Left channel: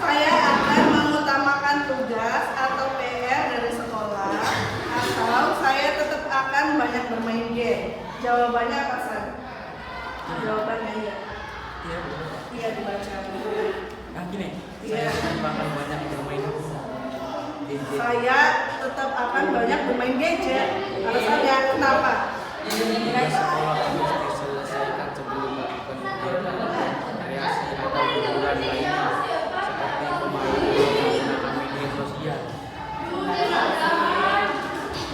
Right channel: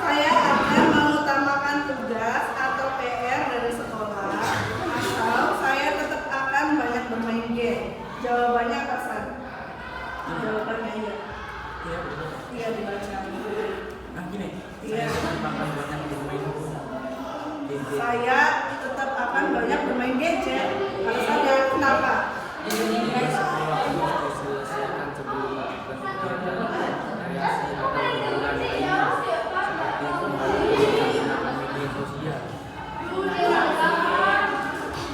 Saya akan mengutamakan tugas atau PR dari sekolah, atau saya tetap akan banyak bermain game. Jawabannya apa, San? Jawabannya iya. Iya dibaca. Nah gini, Iya. bakal banyak bermain gadget. Saya tetap akan banyak bermain gadget. Alasannya kenapa? Tugas sekolah harus diselesaikan sebelum melakukan kegiatan rekreasi atau hiburan lainnya seperti menggunakan media sosial.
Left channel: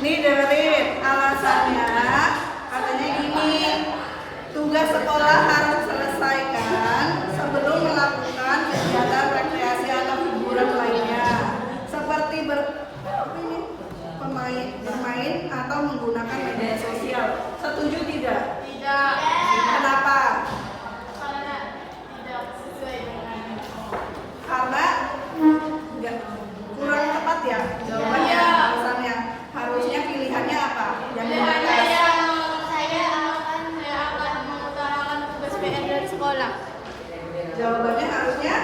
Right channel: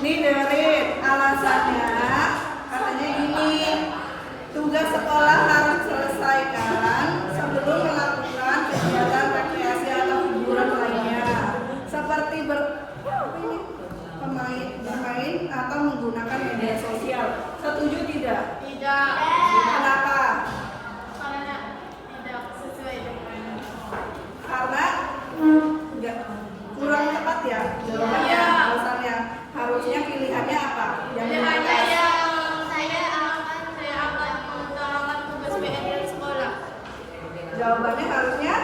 Nih dengerin alasannya, katanya gini, tugas sekolah harus diselesaikan sebelum melakukan kegiatan rekreasi atau hiburan lainnya seperti bermain atau menggunakan media sosial. Setuju tidak? Tidak. Kenapa? Karena tidak sesuai dengan Karena enggak kurang tepat ya jawabannya. Alasannya harusnya pilihannya apa? Yang mana? saya akan mengutarakan tugas PR dari sekolah. Jawabannya harusnya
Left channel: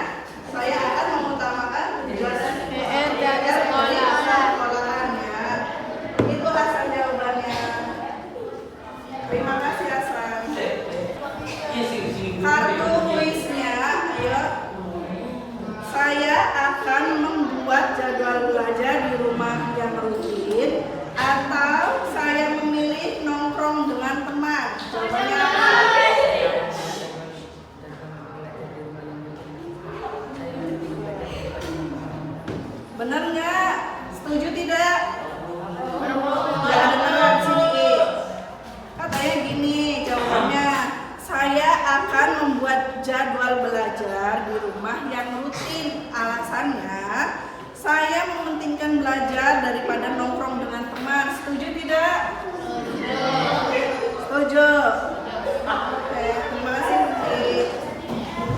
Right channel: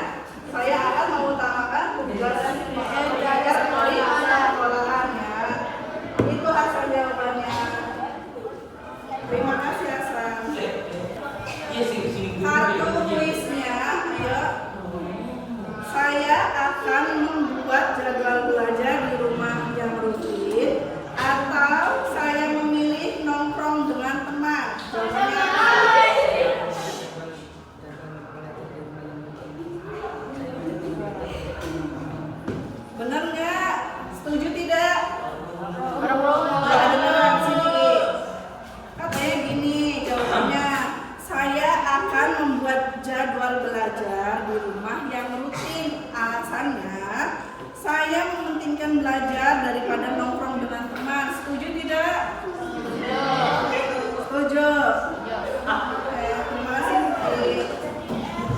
saya akan mengutamakan tugas PR dari sekolah. sekolahannya. Itu asal jawabannya. Terima kasih Hasan. Kartu tulisnya, ayo. Saya akan membuat jadwal belajar di rumah yang rutin, atau saya memilih nongkrong dengan teman. Jawabannya apa? Benar nggak? Setuju tidak? Nggak dengar sini. Katanya gini jawabannya. Saya akan membuat jadwal belajar di rumah yang rutin. Alasannya, saya mementingkan belajar daripada nongkrong dengan teman. Setuju tidak? Setuju. Oke, terima kasih. Siti.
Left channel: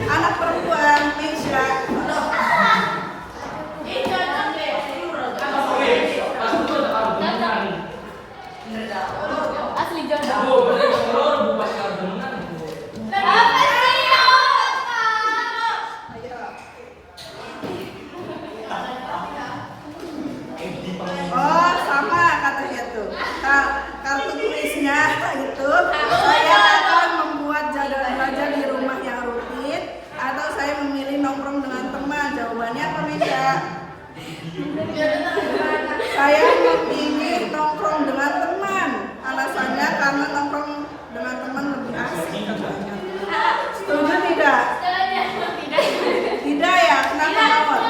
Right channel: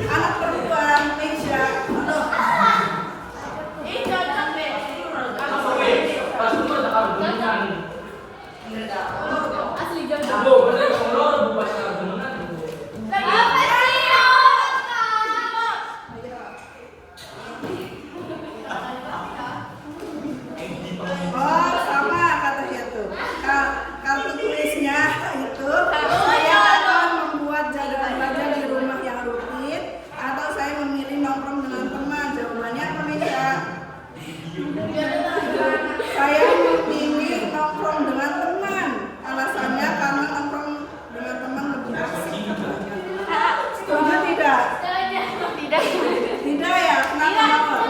Anak perempuan, Meisha. Asli jodoh. Apa sih? Ayo. Oh, sama katanya tuh. Kartu tulisnya itu saya akan membuat jadwal belajar di rumah yang rutin, atau saya memilih nongkrong dengan teman. Jawabannya apa, Meisha? Saya memilih nongkrong dengan teman. Alasannya karena nongkrong dengan teman lebih asik katanya. Setuju tidak? Tidak. Tidak ya? Kenapa Mawar?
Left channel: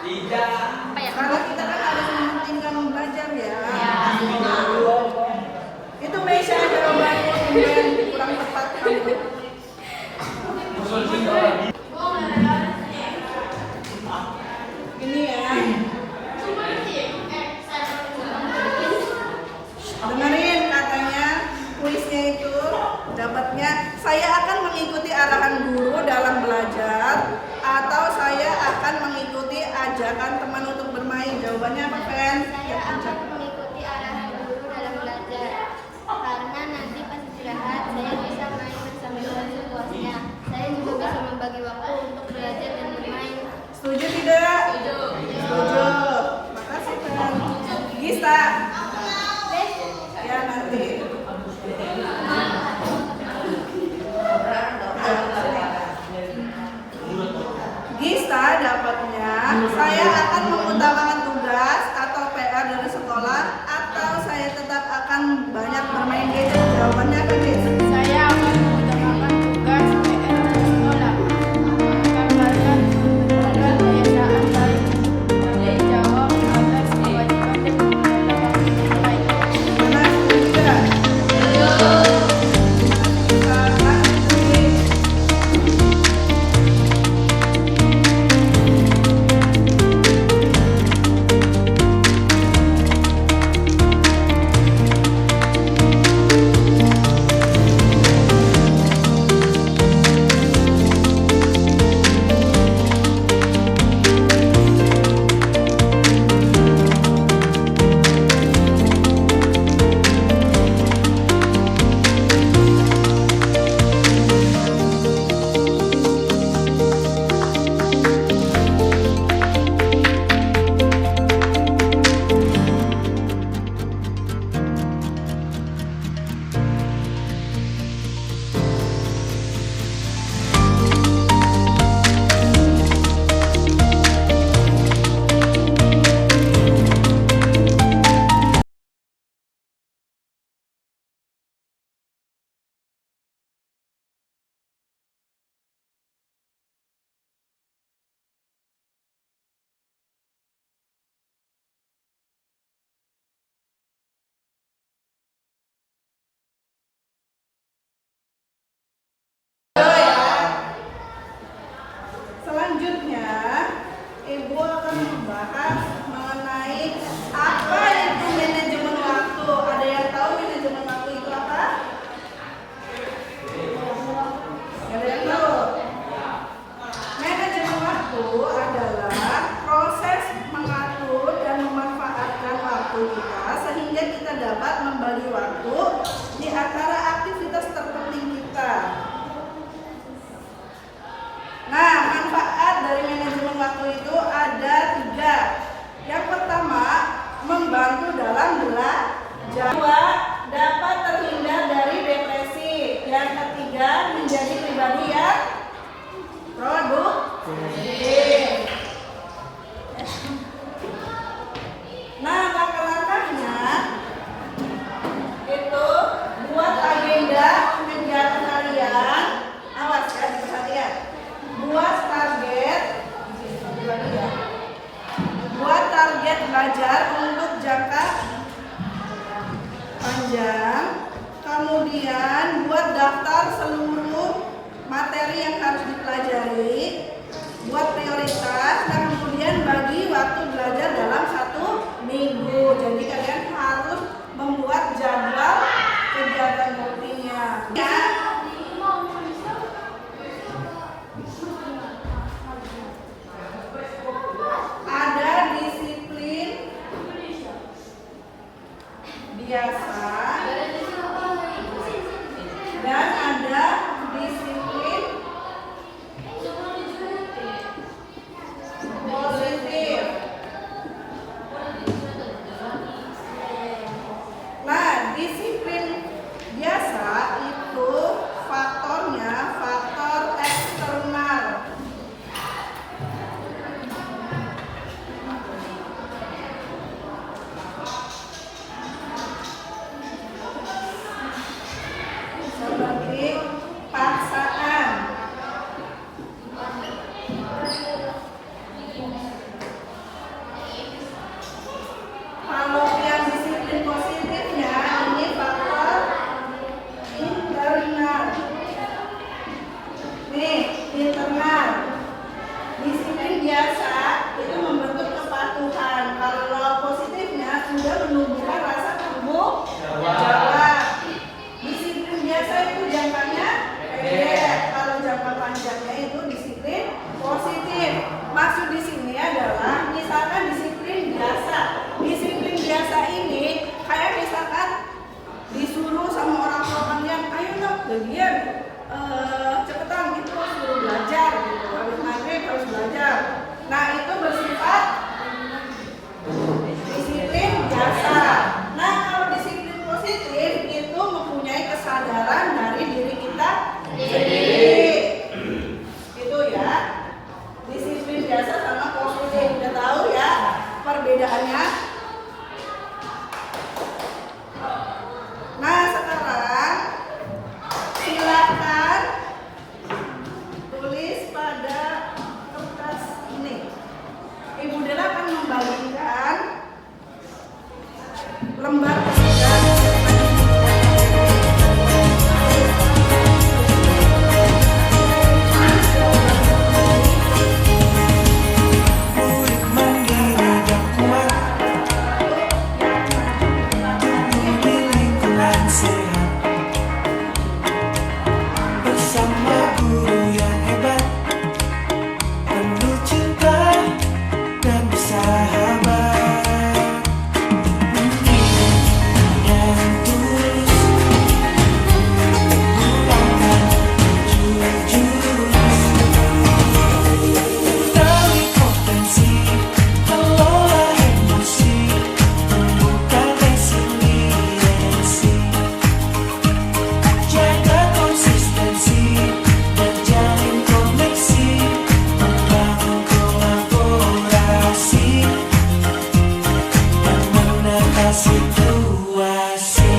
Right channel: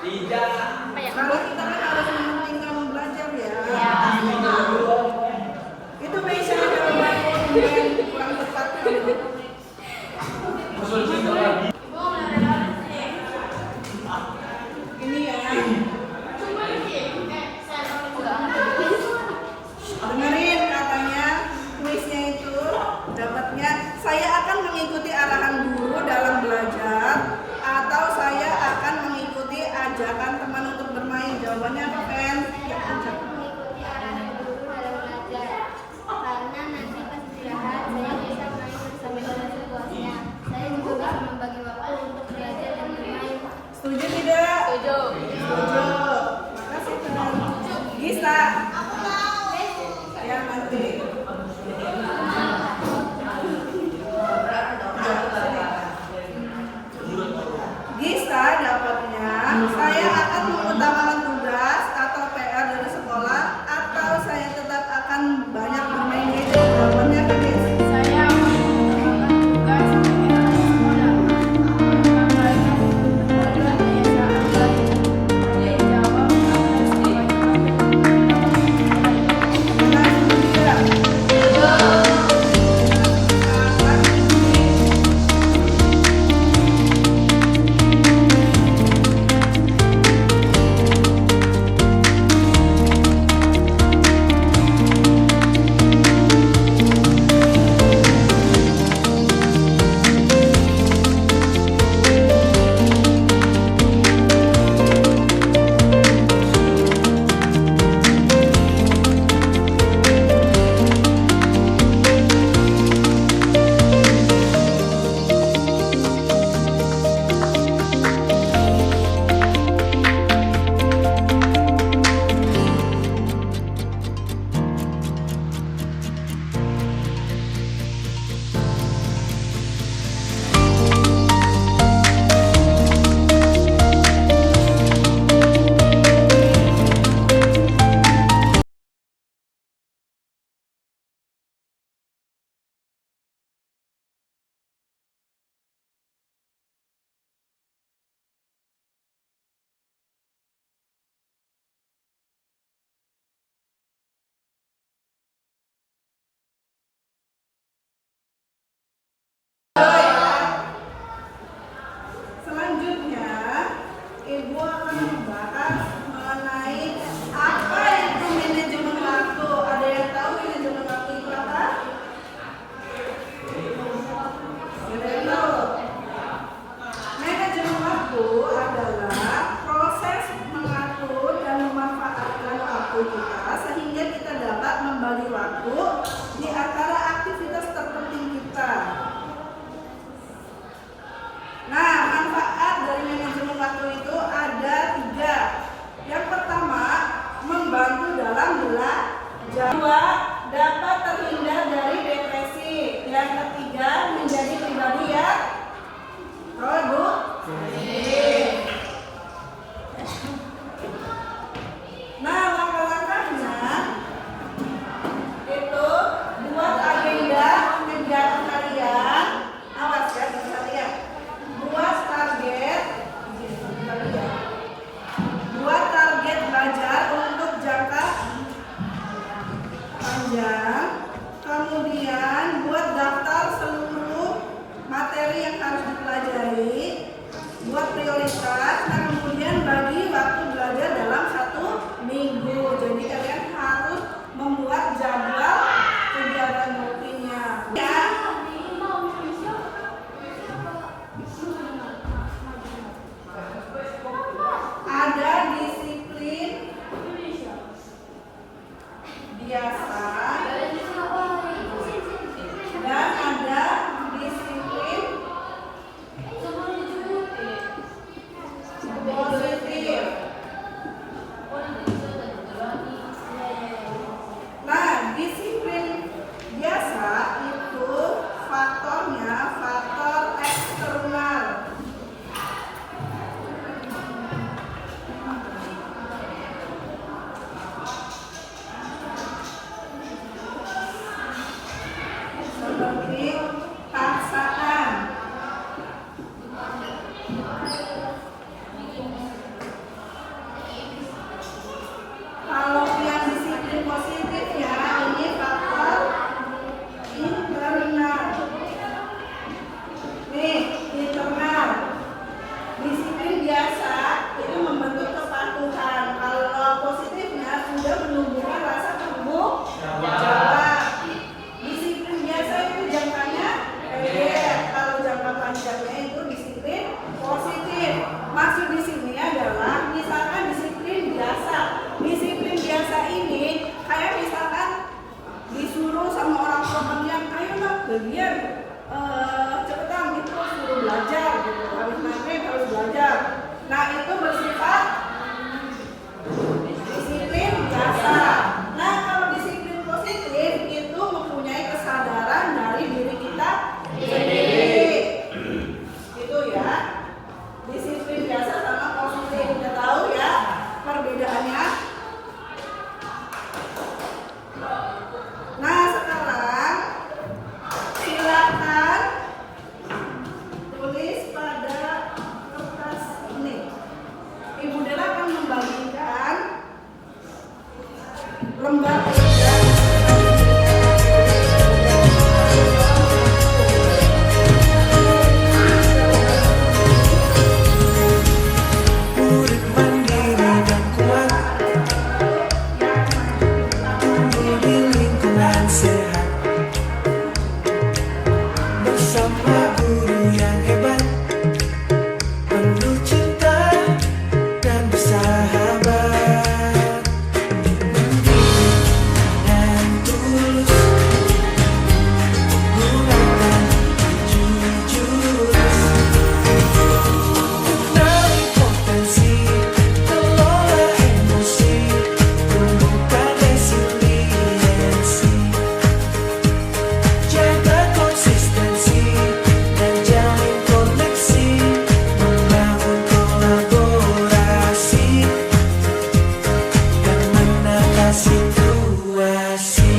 Tidak. Apa ya? Karena kita kan harus mementingkan belajar ya. Ya. Itu Meisha jawabannya yang kurang tepat kamu. Ini ya. Dengerin katanya kuisnya itu dapatnya saya akan mengikuti arahan guru dalam belajar, atau saya akan mengikuti ajakan teman untuk bermain. Jawabannya apa, Pen? Saya akan mengikuti arahan guru dalam belajar karena nanti pas istirahat saya bisa main bersama teman sepuasnya. Saya juga bisa membagi waktu untuk belajar dan bermain. Setuju tidak? Setuju. Makasih, Pen. Gista. Ya nanti. Gista dapatnya saya akan mengutamakan tugas atau PR dari sekolah, atau saya tetap akan banyak bermain gadget. Jawabannya apa, Gis? Saya akan mengutamakan tugas PR dari sekolah. Menggambarkan kebiasaan baik. Tanggung jawab atas kewajiban dan keutamaan lain. Mana setuju tidak? membagi waktu di antara aktivitas terpenting kita. Nah, manfaat dari manajemen waktu itu ada 3. Yang pertama, membantu dalam belajar. 2, dapat terhindar dari depresi. Yang ketiga, menjadi pribadi yang produktif. Nah, langkah-langkahnya itu buat agenda kegiatan kalian. Awas ya, perhatian. Buat target belajar untuk jangka panjang. Kemudian buat daftar seluruh materi yang harus dipelajari, buat prioritas, dan kemudian bagi waktu belajar dalam 1 minggu. Jadi kalian harus membuat jadwal kegiatan rutinnya. Ya. Ada disiplin biasa dan ada disiplin positif. Nah, disiplin biasa itu faktornya faktor eksternal. Seperti paksaan. Kalau yang disiplin positifnya ini faktor internal. Nih, internal. Disiplin biasa itu membentuk kepatuhan. Kalau positifnya sudah menumbuhkan rasa tanggung jawab. Disiplin biasa itu jangkanya pendek. Kalau jangka panjangnya itu disiplin positif. Maksud di sini adalah misalkan disiplin biasa. Disiplin biasa ini kayak misalkan disuruh sama orang tua kalian, ayo nak bagian cepetan gitu suruh belajar gitu. Habis maghrib harus belajar. Nah, itu bersifat disiplin biasa. Nah, kalau disiplin positif itu mempunyai kesadaran dari diri kita sendiri. Itu ya. Disiplin biasa sama positif. Udah tahu ya perbedaannya? Nah, sekarang silakan tulis pada kertas ini. Ibu Dela akan membagikan lembar ketiga. Murid mandiri dan kuat, tumbuh di lingkungan sehat, bersama guru yang hebat, penuh cinta dan bersahabat, mendidik dengan tulus, gunakan jurus, kenali potensi, kelola emosi, tumbuhkan resiliensi, jaga konsistensi dan jalin koneksi, membangun kolaborasi dan menata situasi.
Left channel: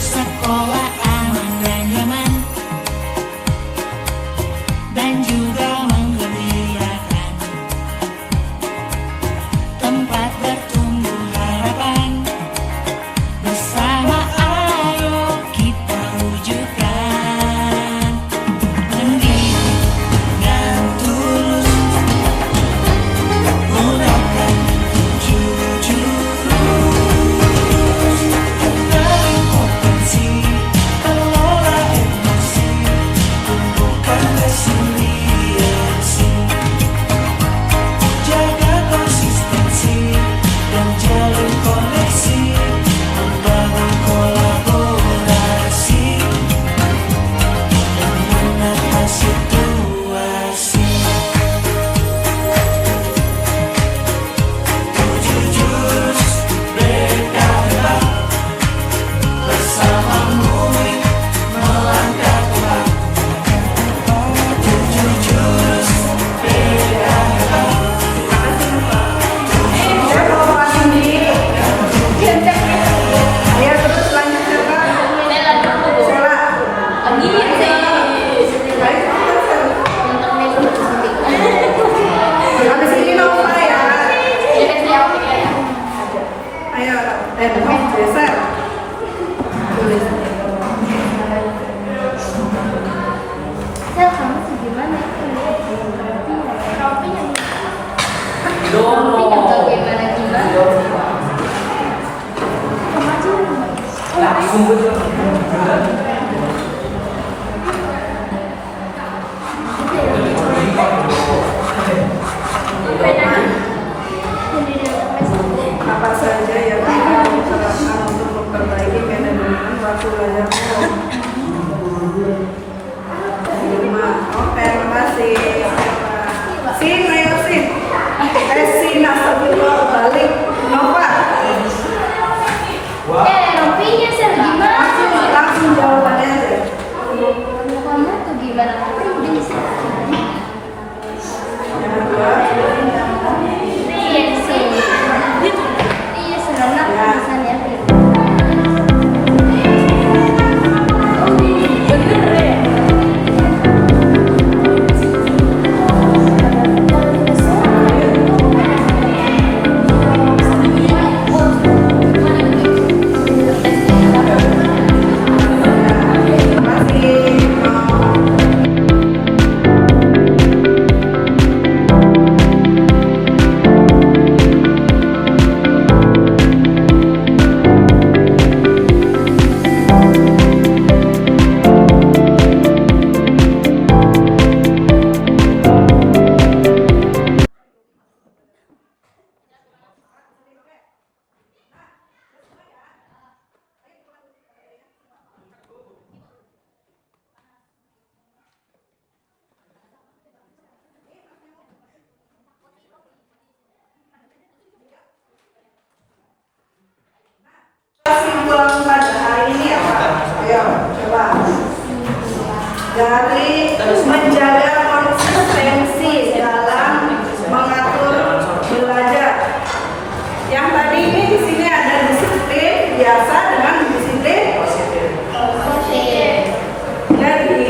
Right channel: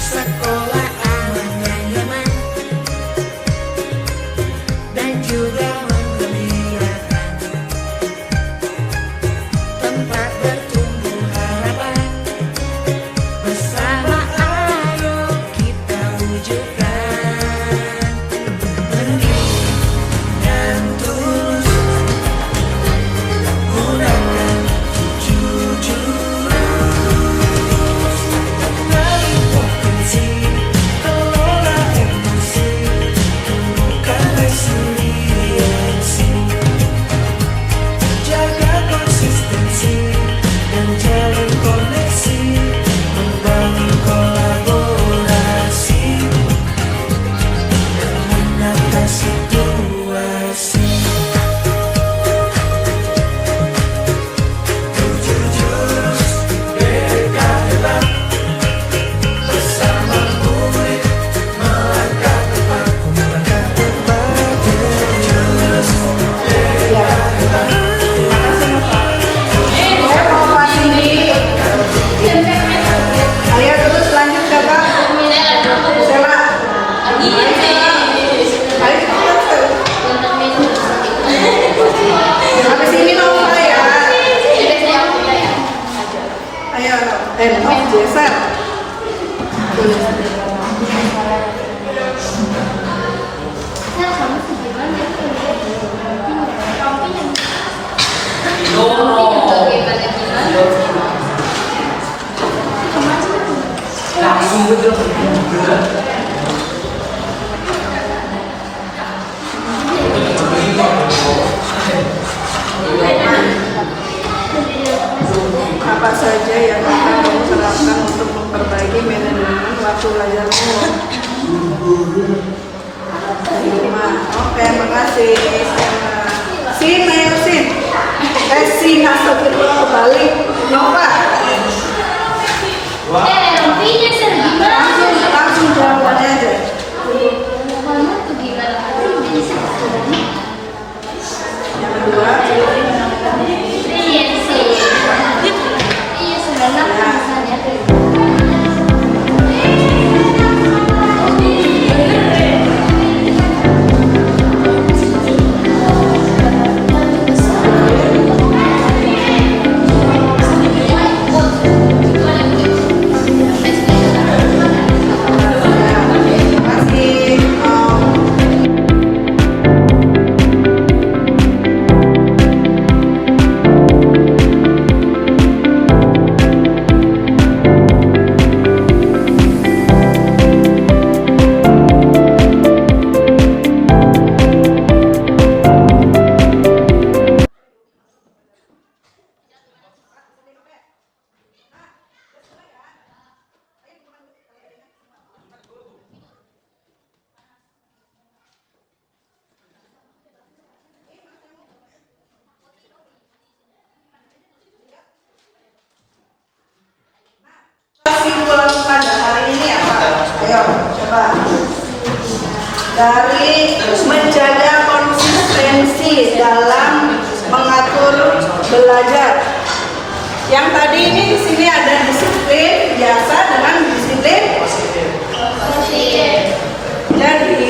Sekolah aman dan nyaman dan juga menggembirakan, tempat bertumbuh harapan, bersama ayo kita wujudkan, mendidik dengan tulus, gunakan 7 jurus, kenali potensi, kelola emosi, tumbuhkan resiliensi, Langsung betul. Apa saja yang akan terapkan untuk memperbaiki manajemen waktu belajar di rumah? Oke, makasih. Sin, ayo Sin. Sin, astagfirullah kebalik. Mau Pak? Langsung jawabannya aja. Yang kedua, kesimpulan pada hari ini apa? Ayo, coba. Dari menjaga konsistensi dalam mengatur belajar. Yang tadi ini di sini ada disiplin biasa dengan disiplin positif. Jadi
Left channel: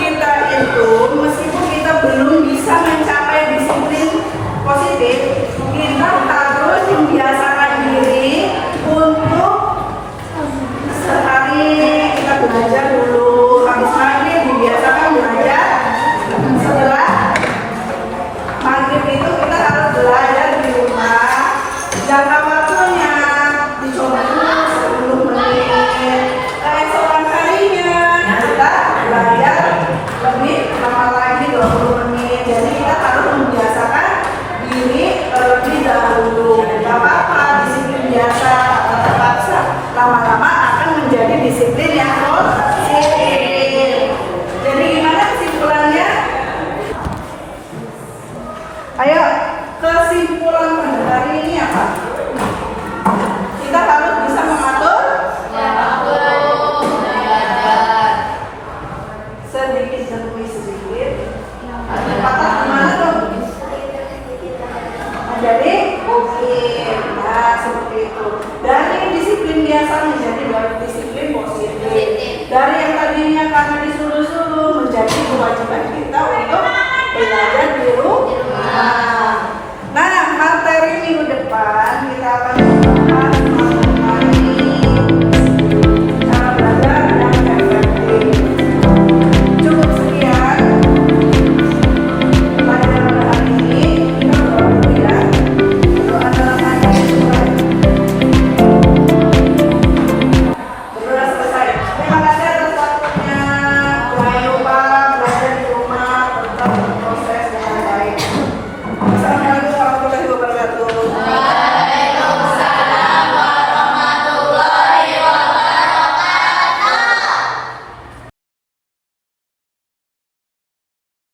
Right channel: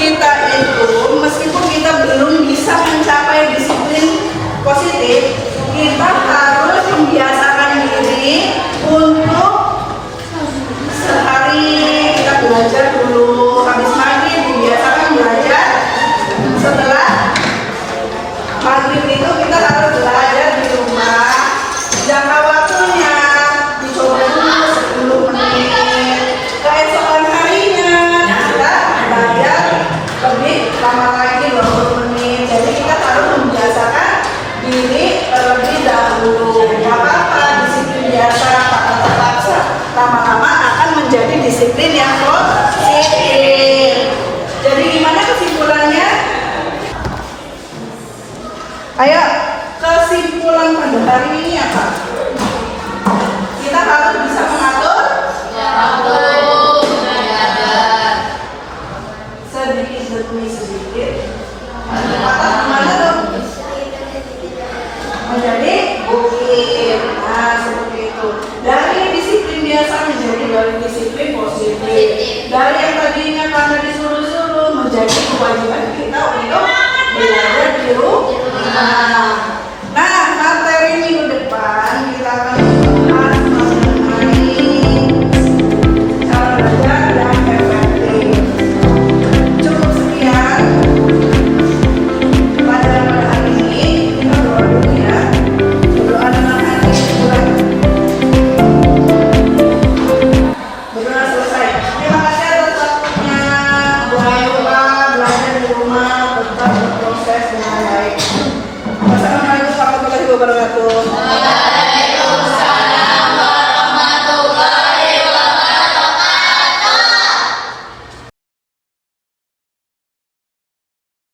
kita itu meskipun kita belum bisa mencapai disiplin positif, kita harus membiasakan diri untuk sehari kita belajar dulu, habis maghrib dibiasakan belajar. Setelah maghrib itu kita harus belajar di rumah. Jangka waktunya dicoba dulu 10 menit. Keesokan harinya kita belajar lebih lama lagi 20 menit. Jadi kita harus membiasakan diri terlebih dahulu. Gak apa-apa, disiplin biasa kata terpaksa lama-lama akan menjadi disiplin yang positif. Jadi gimana kesimpulannya? Ayo, kesimpulan pada hari ini apa? Kita harus bisa mengatur sedikit demi sedikit. Kata kemana tuh? Menjadi bukit. Nah, seperti itu. Dari disiplin biasa menjadi dari disiplin positif. Dari yang tadinya karena disuruh-suruh menjadi kewajiban kita untuk belajar